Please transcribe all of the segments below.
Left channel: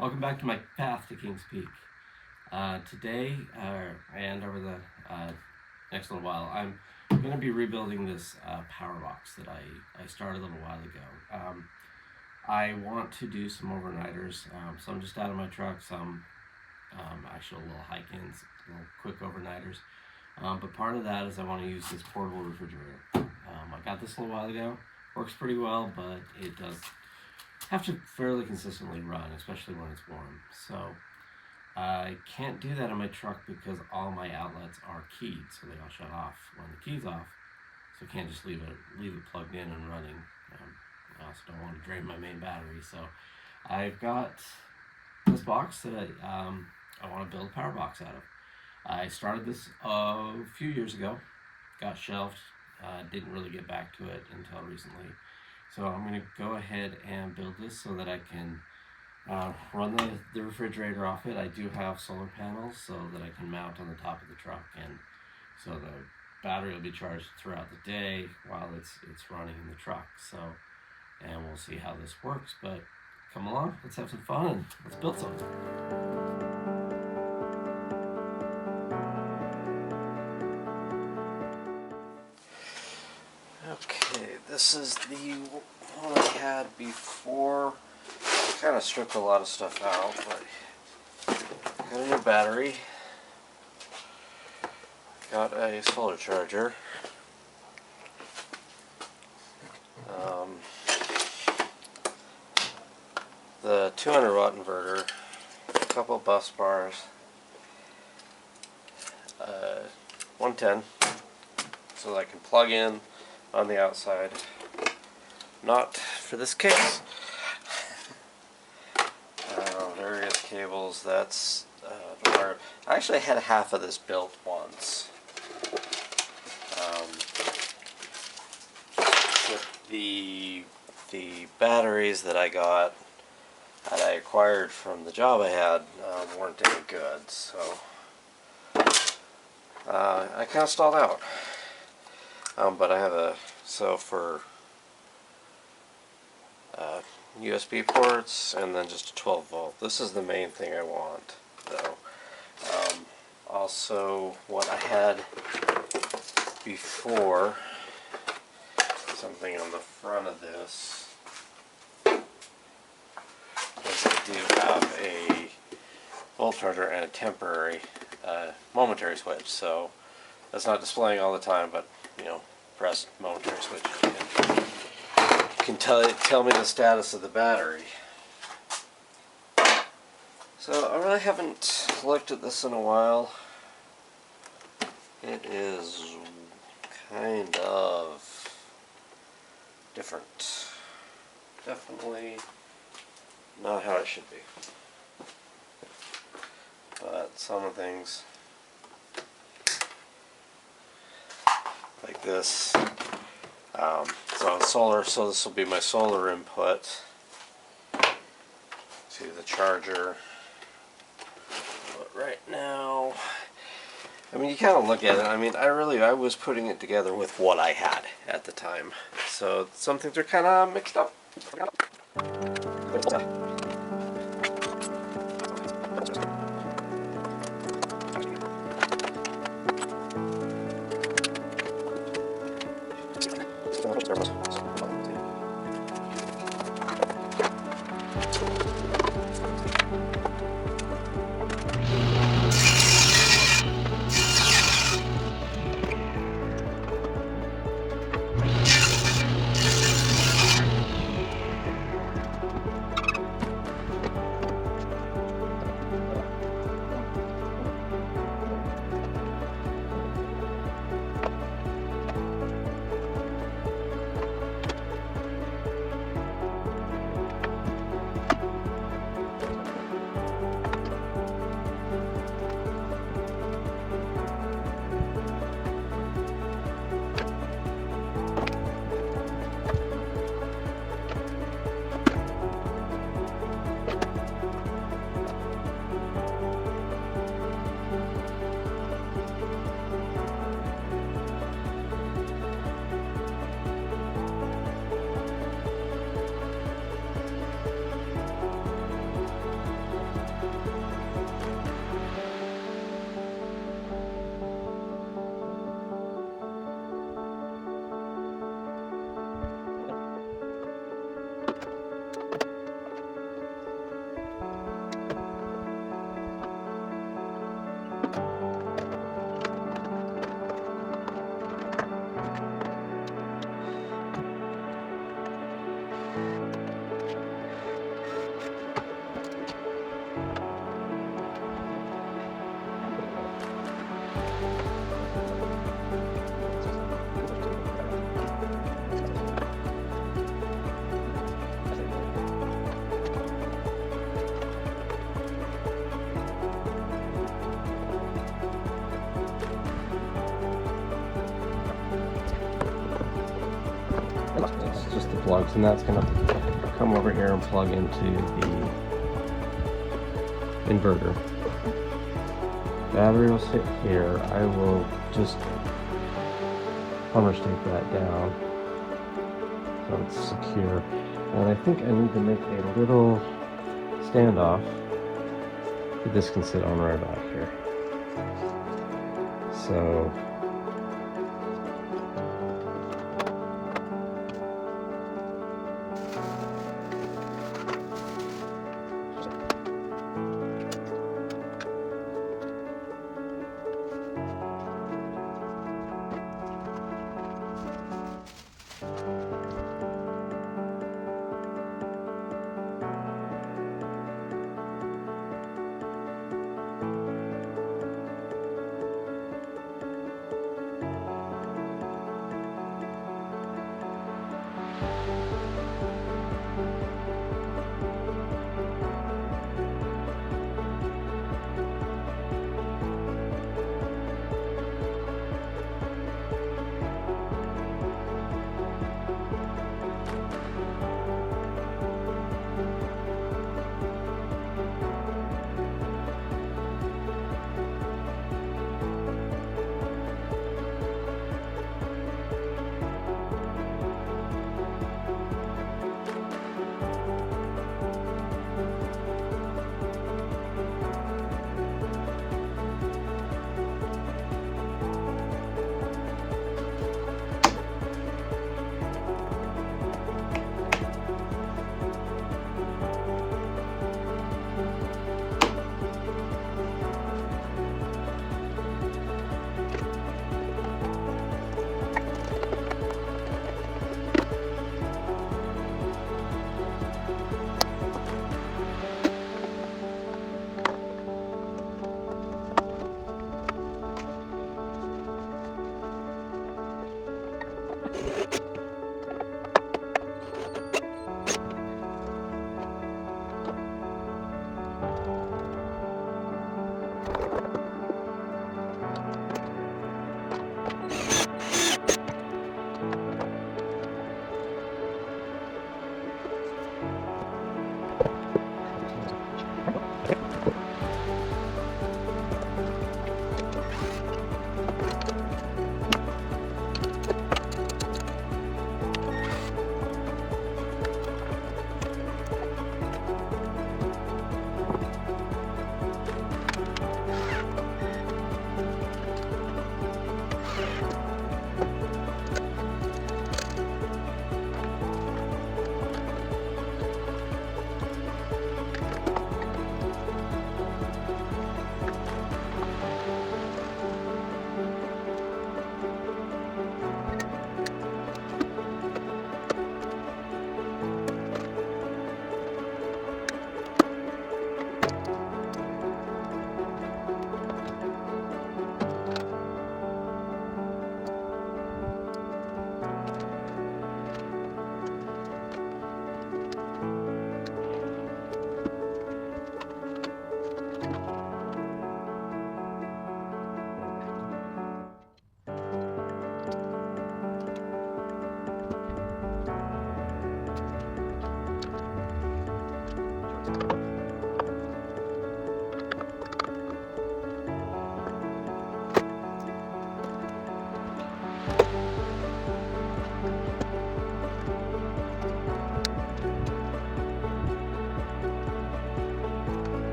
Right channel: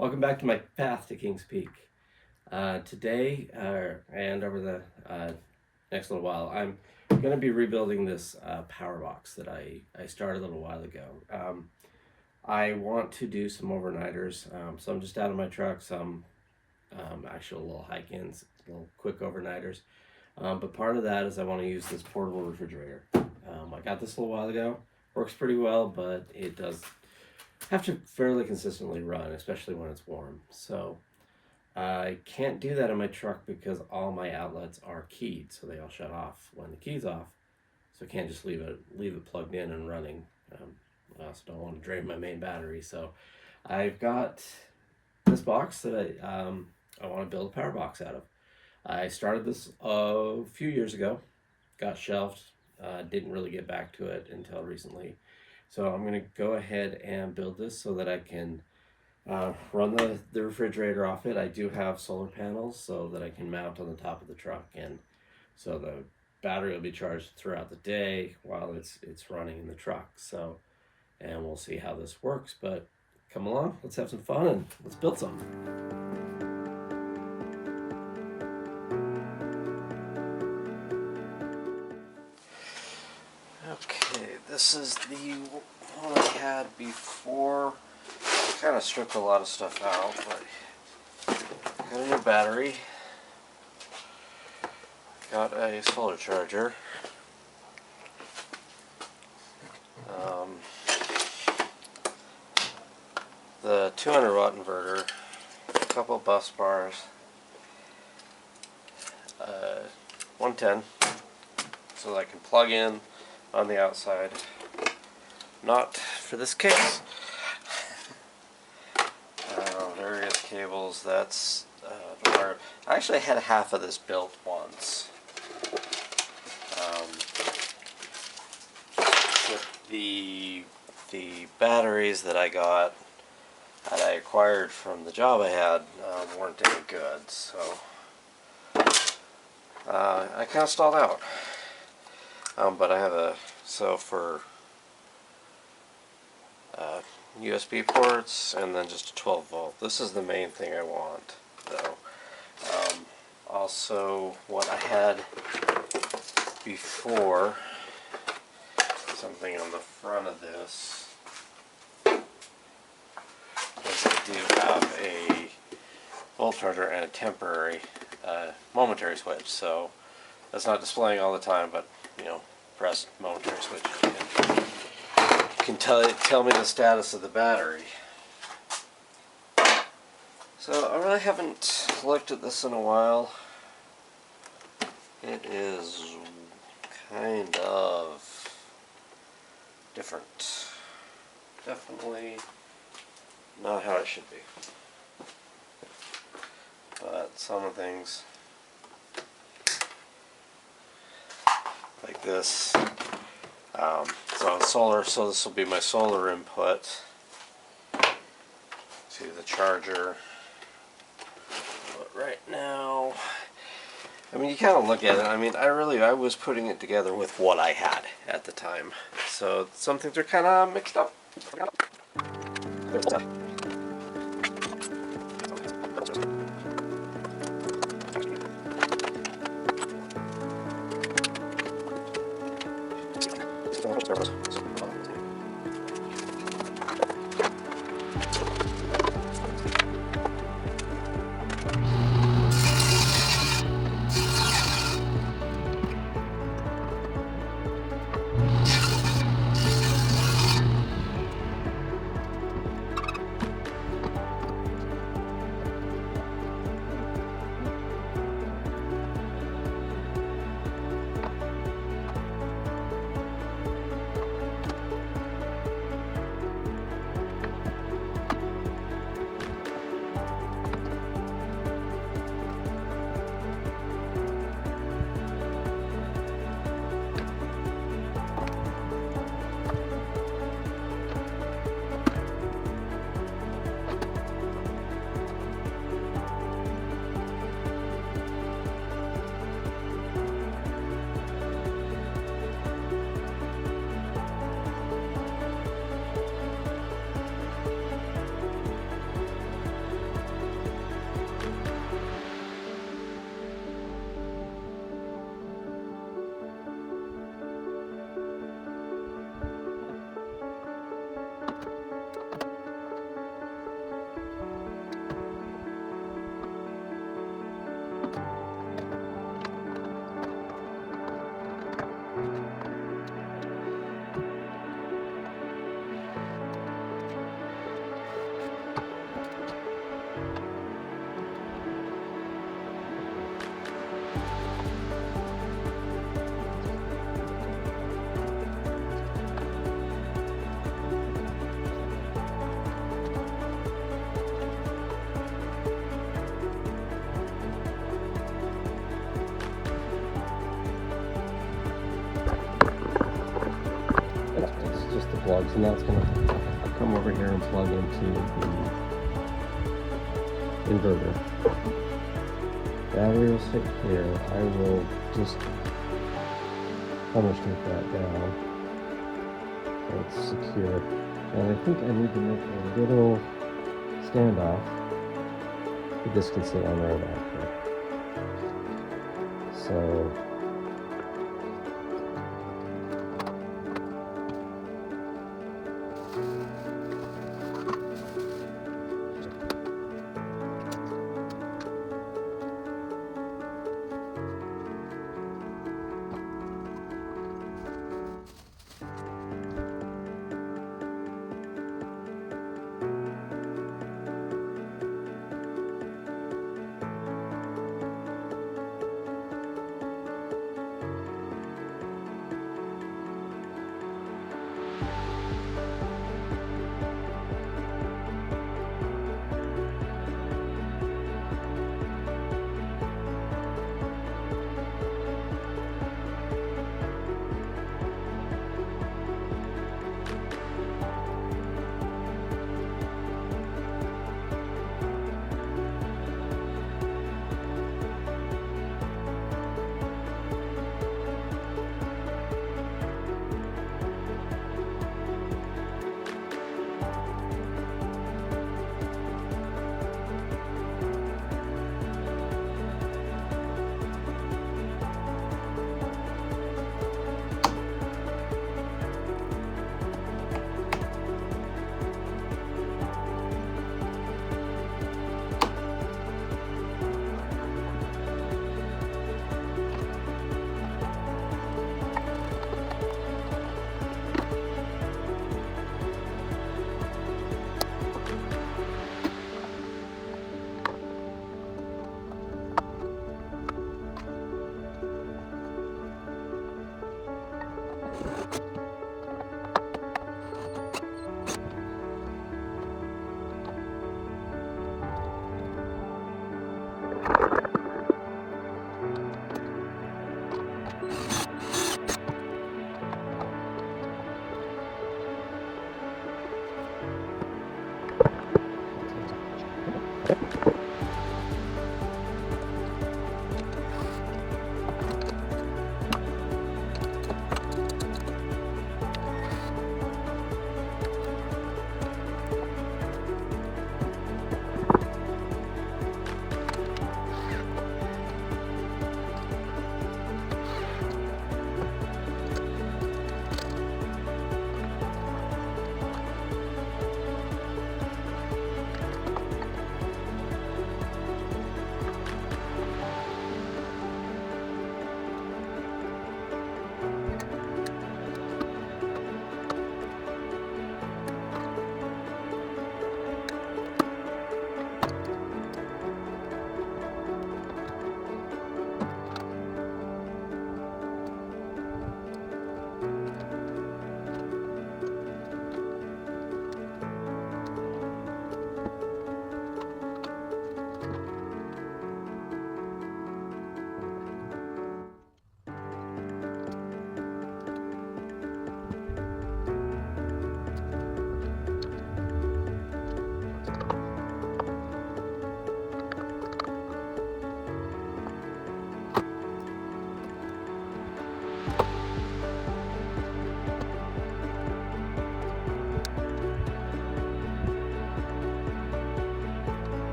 Welcome back to my path to Kings Peak. Today, and over the next little while, I'm going to be rebuilding this power box that I started a little while ago. I want to do some overnighters. Some just out of my truck, some actual little hike-ins, little quick overnighters. But part of that is I want to use this portable refrigerator. I got this a little while ago. Works pretty well, but it does have to fairly consistently run, especially when it's warm. So I can't do that in my truck because all my outlets are keyed, so they all shut off when the key's off. So I can't just leave it plugged in and running. I also don't want to drain my main battery. So I've got this box that I want to build a power box out of. I started this a few years ago, got shelved, didn't really get back to it until recently. So I'm going to go ahead and build this so that I can run the refrigerator off it. I do have solar panels so that I can mount on the top of the truck, and so the battery will be charged throughout the day while it's running in the truck. So, and we'll see how this works. But come along, let's have some fun and let's build something. Okay, this is the one I had before. I kind of stripped a lot of stuff out, but got a new battery, got a solar charger, the 200 watt inverter, a couple bus bars, 110, so that I can plug in on the outside, not for this case. Various cables. That's I actually had half of this built once. With the batteries that I got, that I acquired from the job I had, weren't any good, so I kind of stalled out. But I have for USB ports and then just a 12 volt. This is the main thing I want, though. Also, what I had before, something on the front of this, is I do have a volt charger and a temporary, momentary switch. So that's not displaying all the time, but press momentary switch. Can tell me the status of the battery. So I really haven't looked at this in a while. It is kind of different. Definitely not how it should be. But some things like this. So this will be my solar input to the charger. But right now, I mean, you kind of look at it. I mean, I was putting it together with what I had at the time. So some things are kind of mixed up. into the inverter. Battery will stick here. I will just power stick that down so it's secure. And I think I need to make a little standoff. This can sit on right back here. So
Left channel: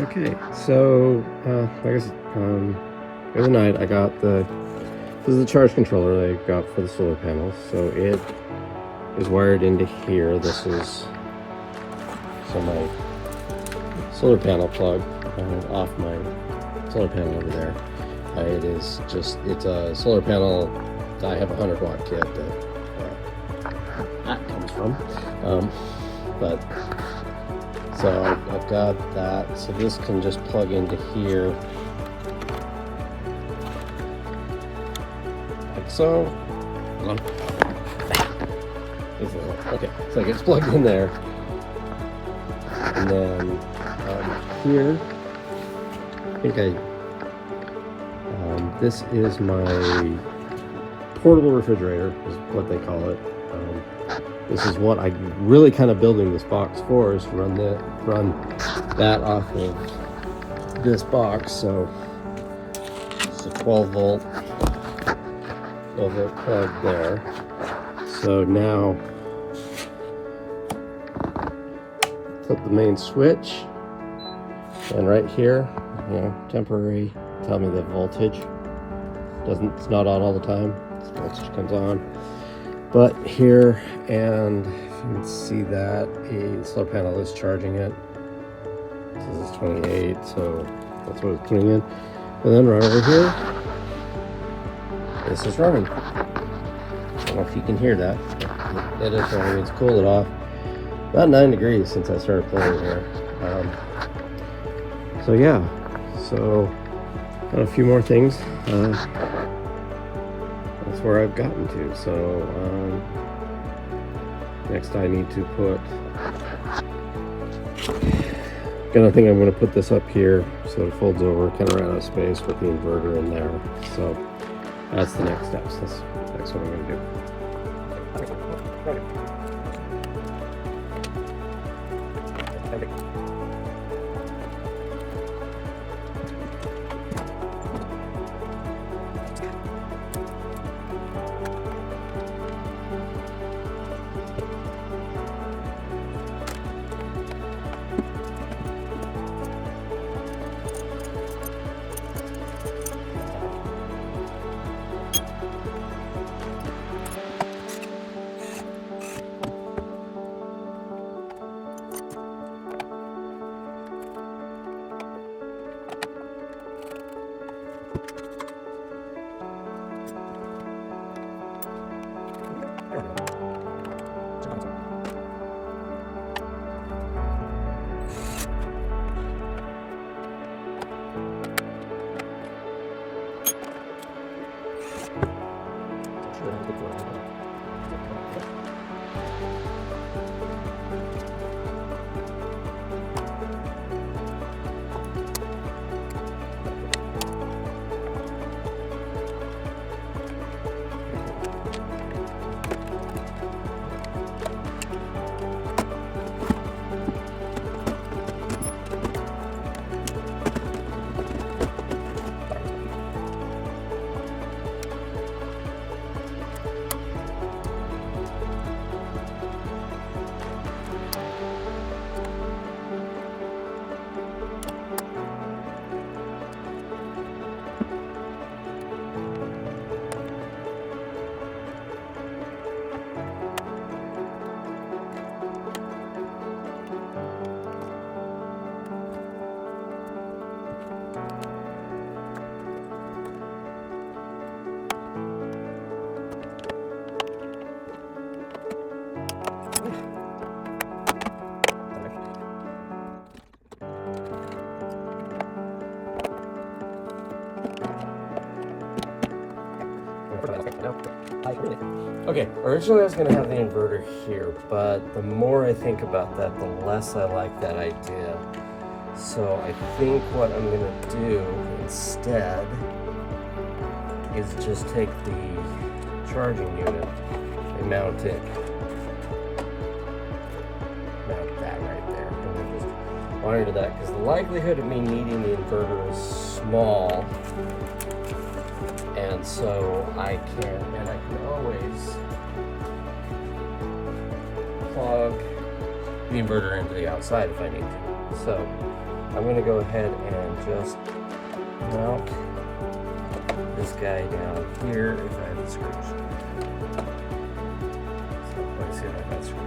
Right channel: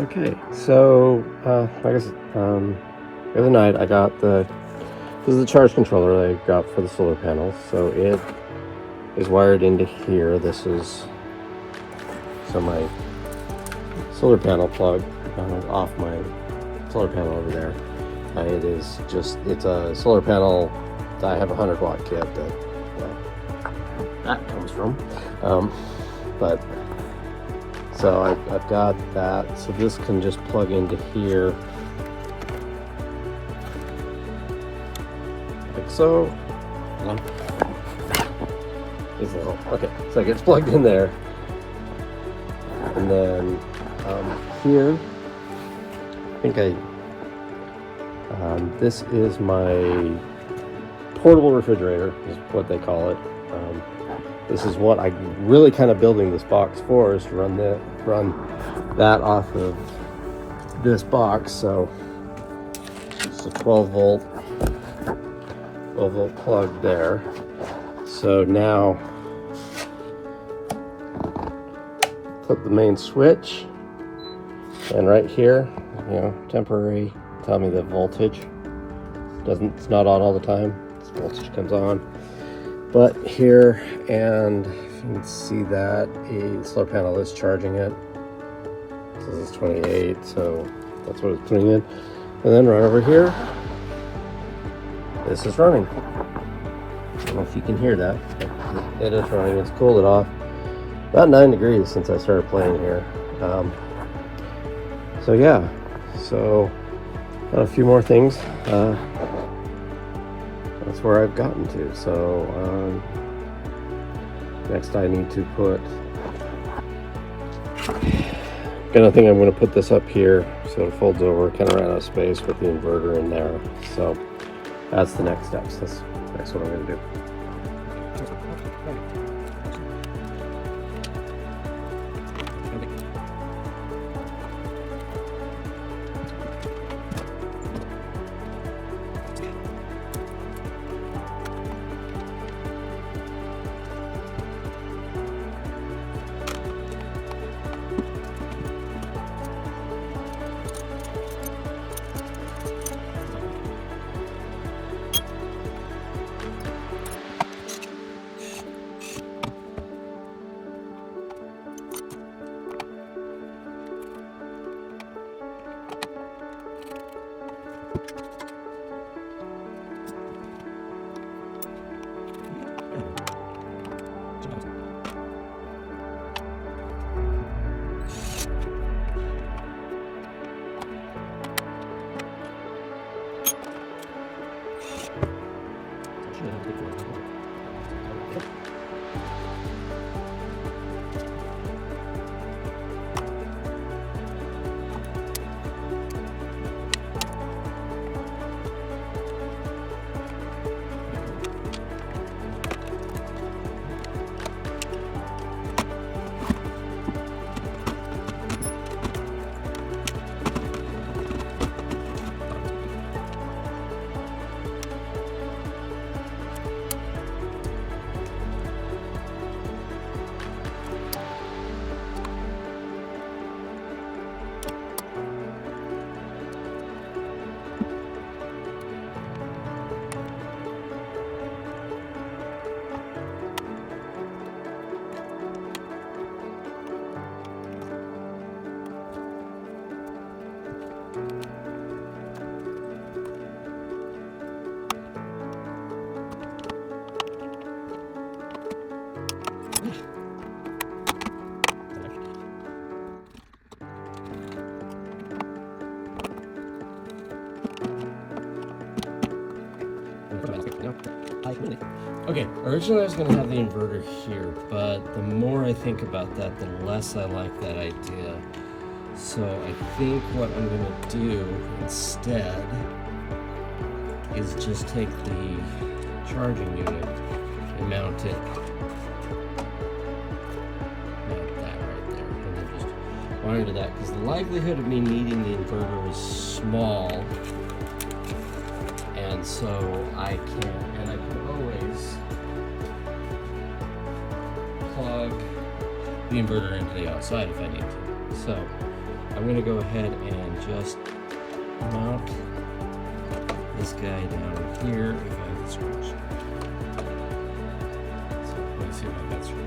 Okay, so I guess the other night I got this is the charge controller I got for the solar panels. So it is wired into here. This is my solar panel plug off my solar panel over there. It's a solar panel. I have a 100-watt kit that comes from. But so I've got that. So this can just plug into here, like so. Okay, so it gets plugged in there, and then here, this is my portable refrigerator, is what they call it. This is what I'm really kind of building this box for, is to run that off of this box. So it's a 12 volt plug there. So now put the main switch, and right here, temporary, tell me the voltage. It's not on all the time. This voltage comes on. But here, and you can see that a solar panel is charging it. This is 28, so that's what it's putting in. And then right over here, this is running. I don't know if you can hear that. That is running. It's cooled it off. About 9 degrees since I started playing here. So yeah, so a few more things. That's where I've gotten to. So next I need to I think I'm going to put this up here so it folds over, kind of ran out of space with the inverter in there. So that's the next steps. That's what I'm going to do. Okay, originally I was going to have the inverter here, but the more I think about that, the less I like that idea. So I think what I'm going to do instead is just take the charging unit and mount that right there, and then just wire into that, because the likelihood of me needing the inverter is small. And so I can always plug the inverter into the outside if I need to. So I'm going to go ahead and just mount this guy down here if I have the screws. So let's see if I've got screws.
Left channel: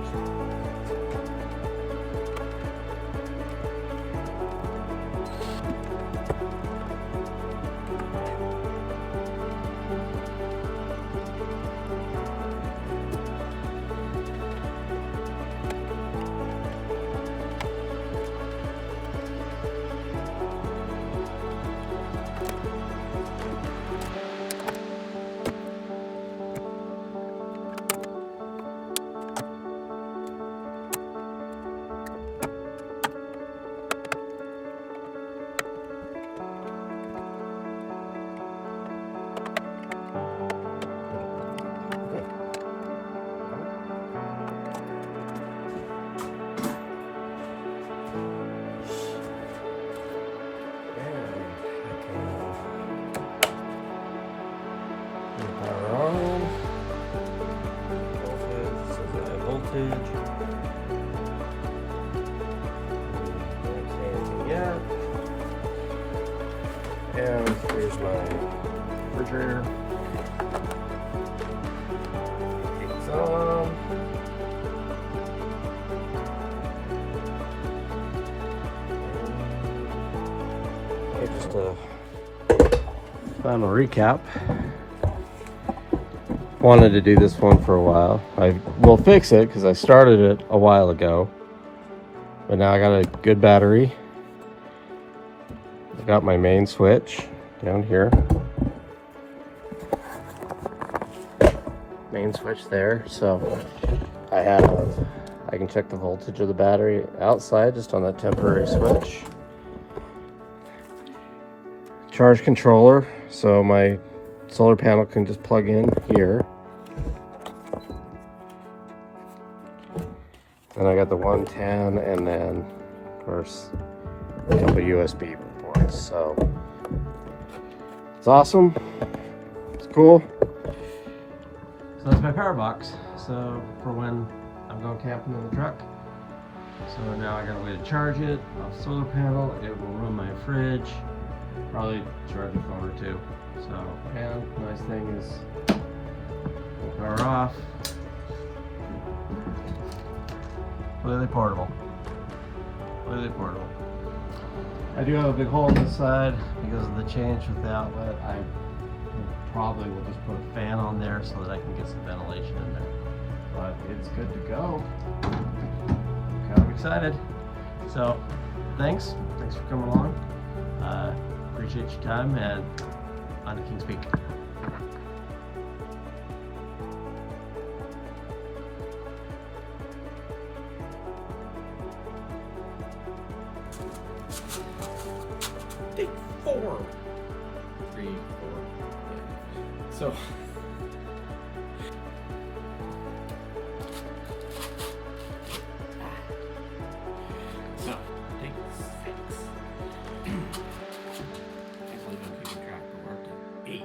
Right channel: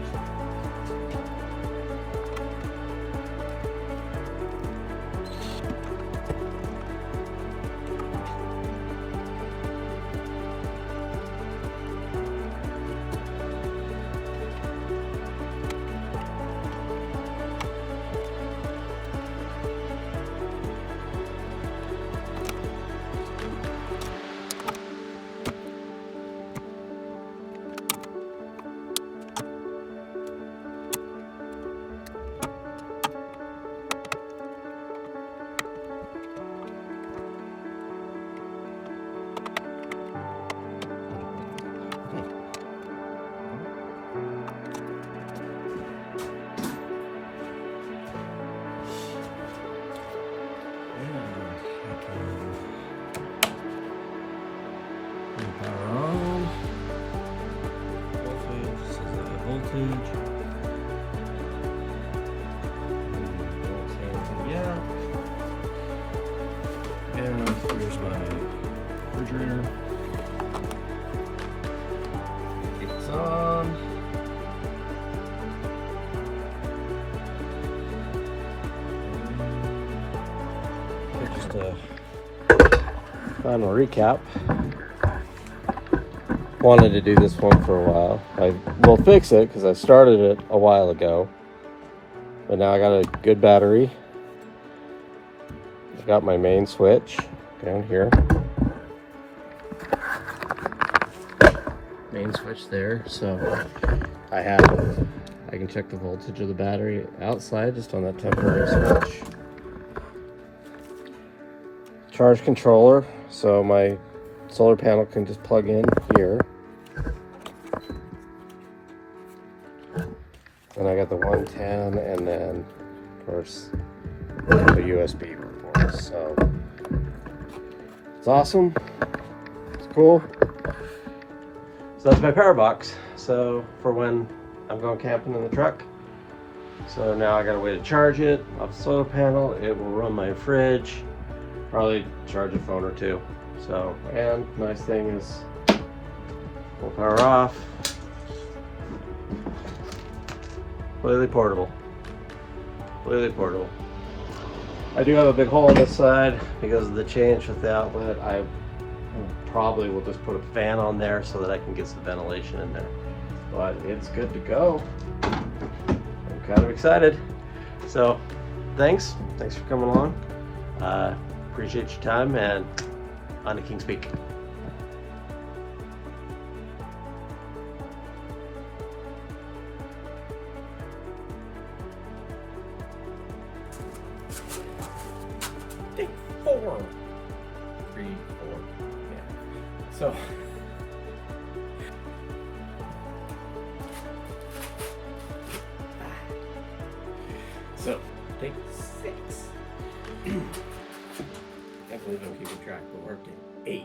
Power on. Voltage says high voltage. Don't say anything yet. And here's my refrigerator. It's on. Okay, just a final recap. Wanted to do this one for a while. I will fix it because I started it a while ago, but now I got a good battery. I got my main switch down here. Main switch there, so I can check the voltage of the battery outside just on that temporary switch. Charge controller, so my solar panel can just plug in here. And I got the 110 and then, of course, the USB ports. So it's awesome. It's cool. So that's my power box. So for when I'm going camping in the truck. So now I got a way to charge it off the solar panel. It will run my fridge. Probably charge a phone or two. So, and nice thing is we'll power off. Completely portable. Completely portable. I do have a big hole on this side because of the change with the outlet. I probably will just put a fan on there so that I can get some ventilation in there. But it's good to go. I'm kind of excited. So, thanks for coming along. Appreciate your time, and on to Kings Peak. Take 4. 3, 4. Yeah. So. Take 6. I believe I'm keeping track of working. 8.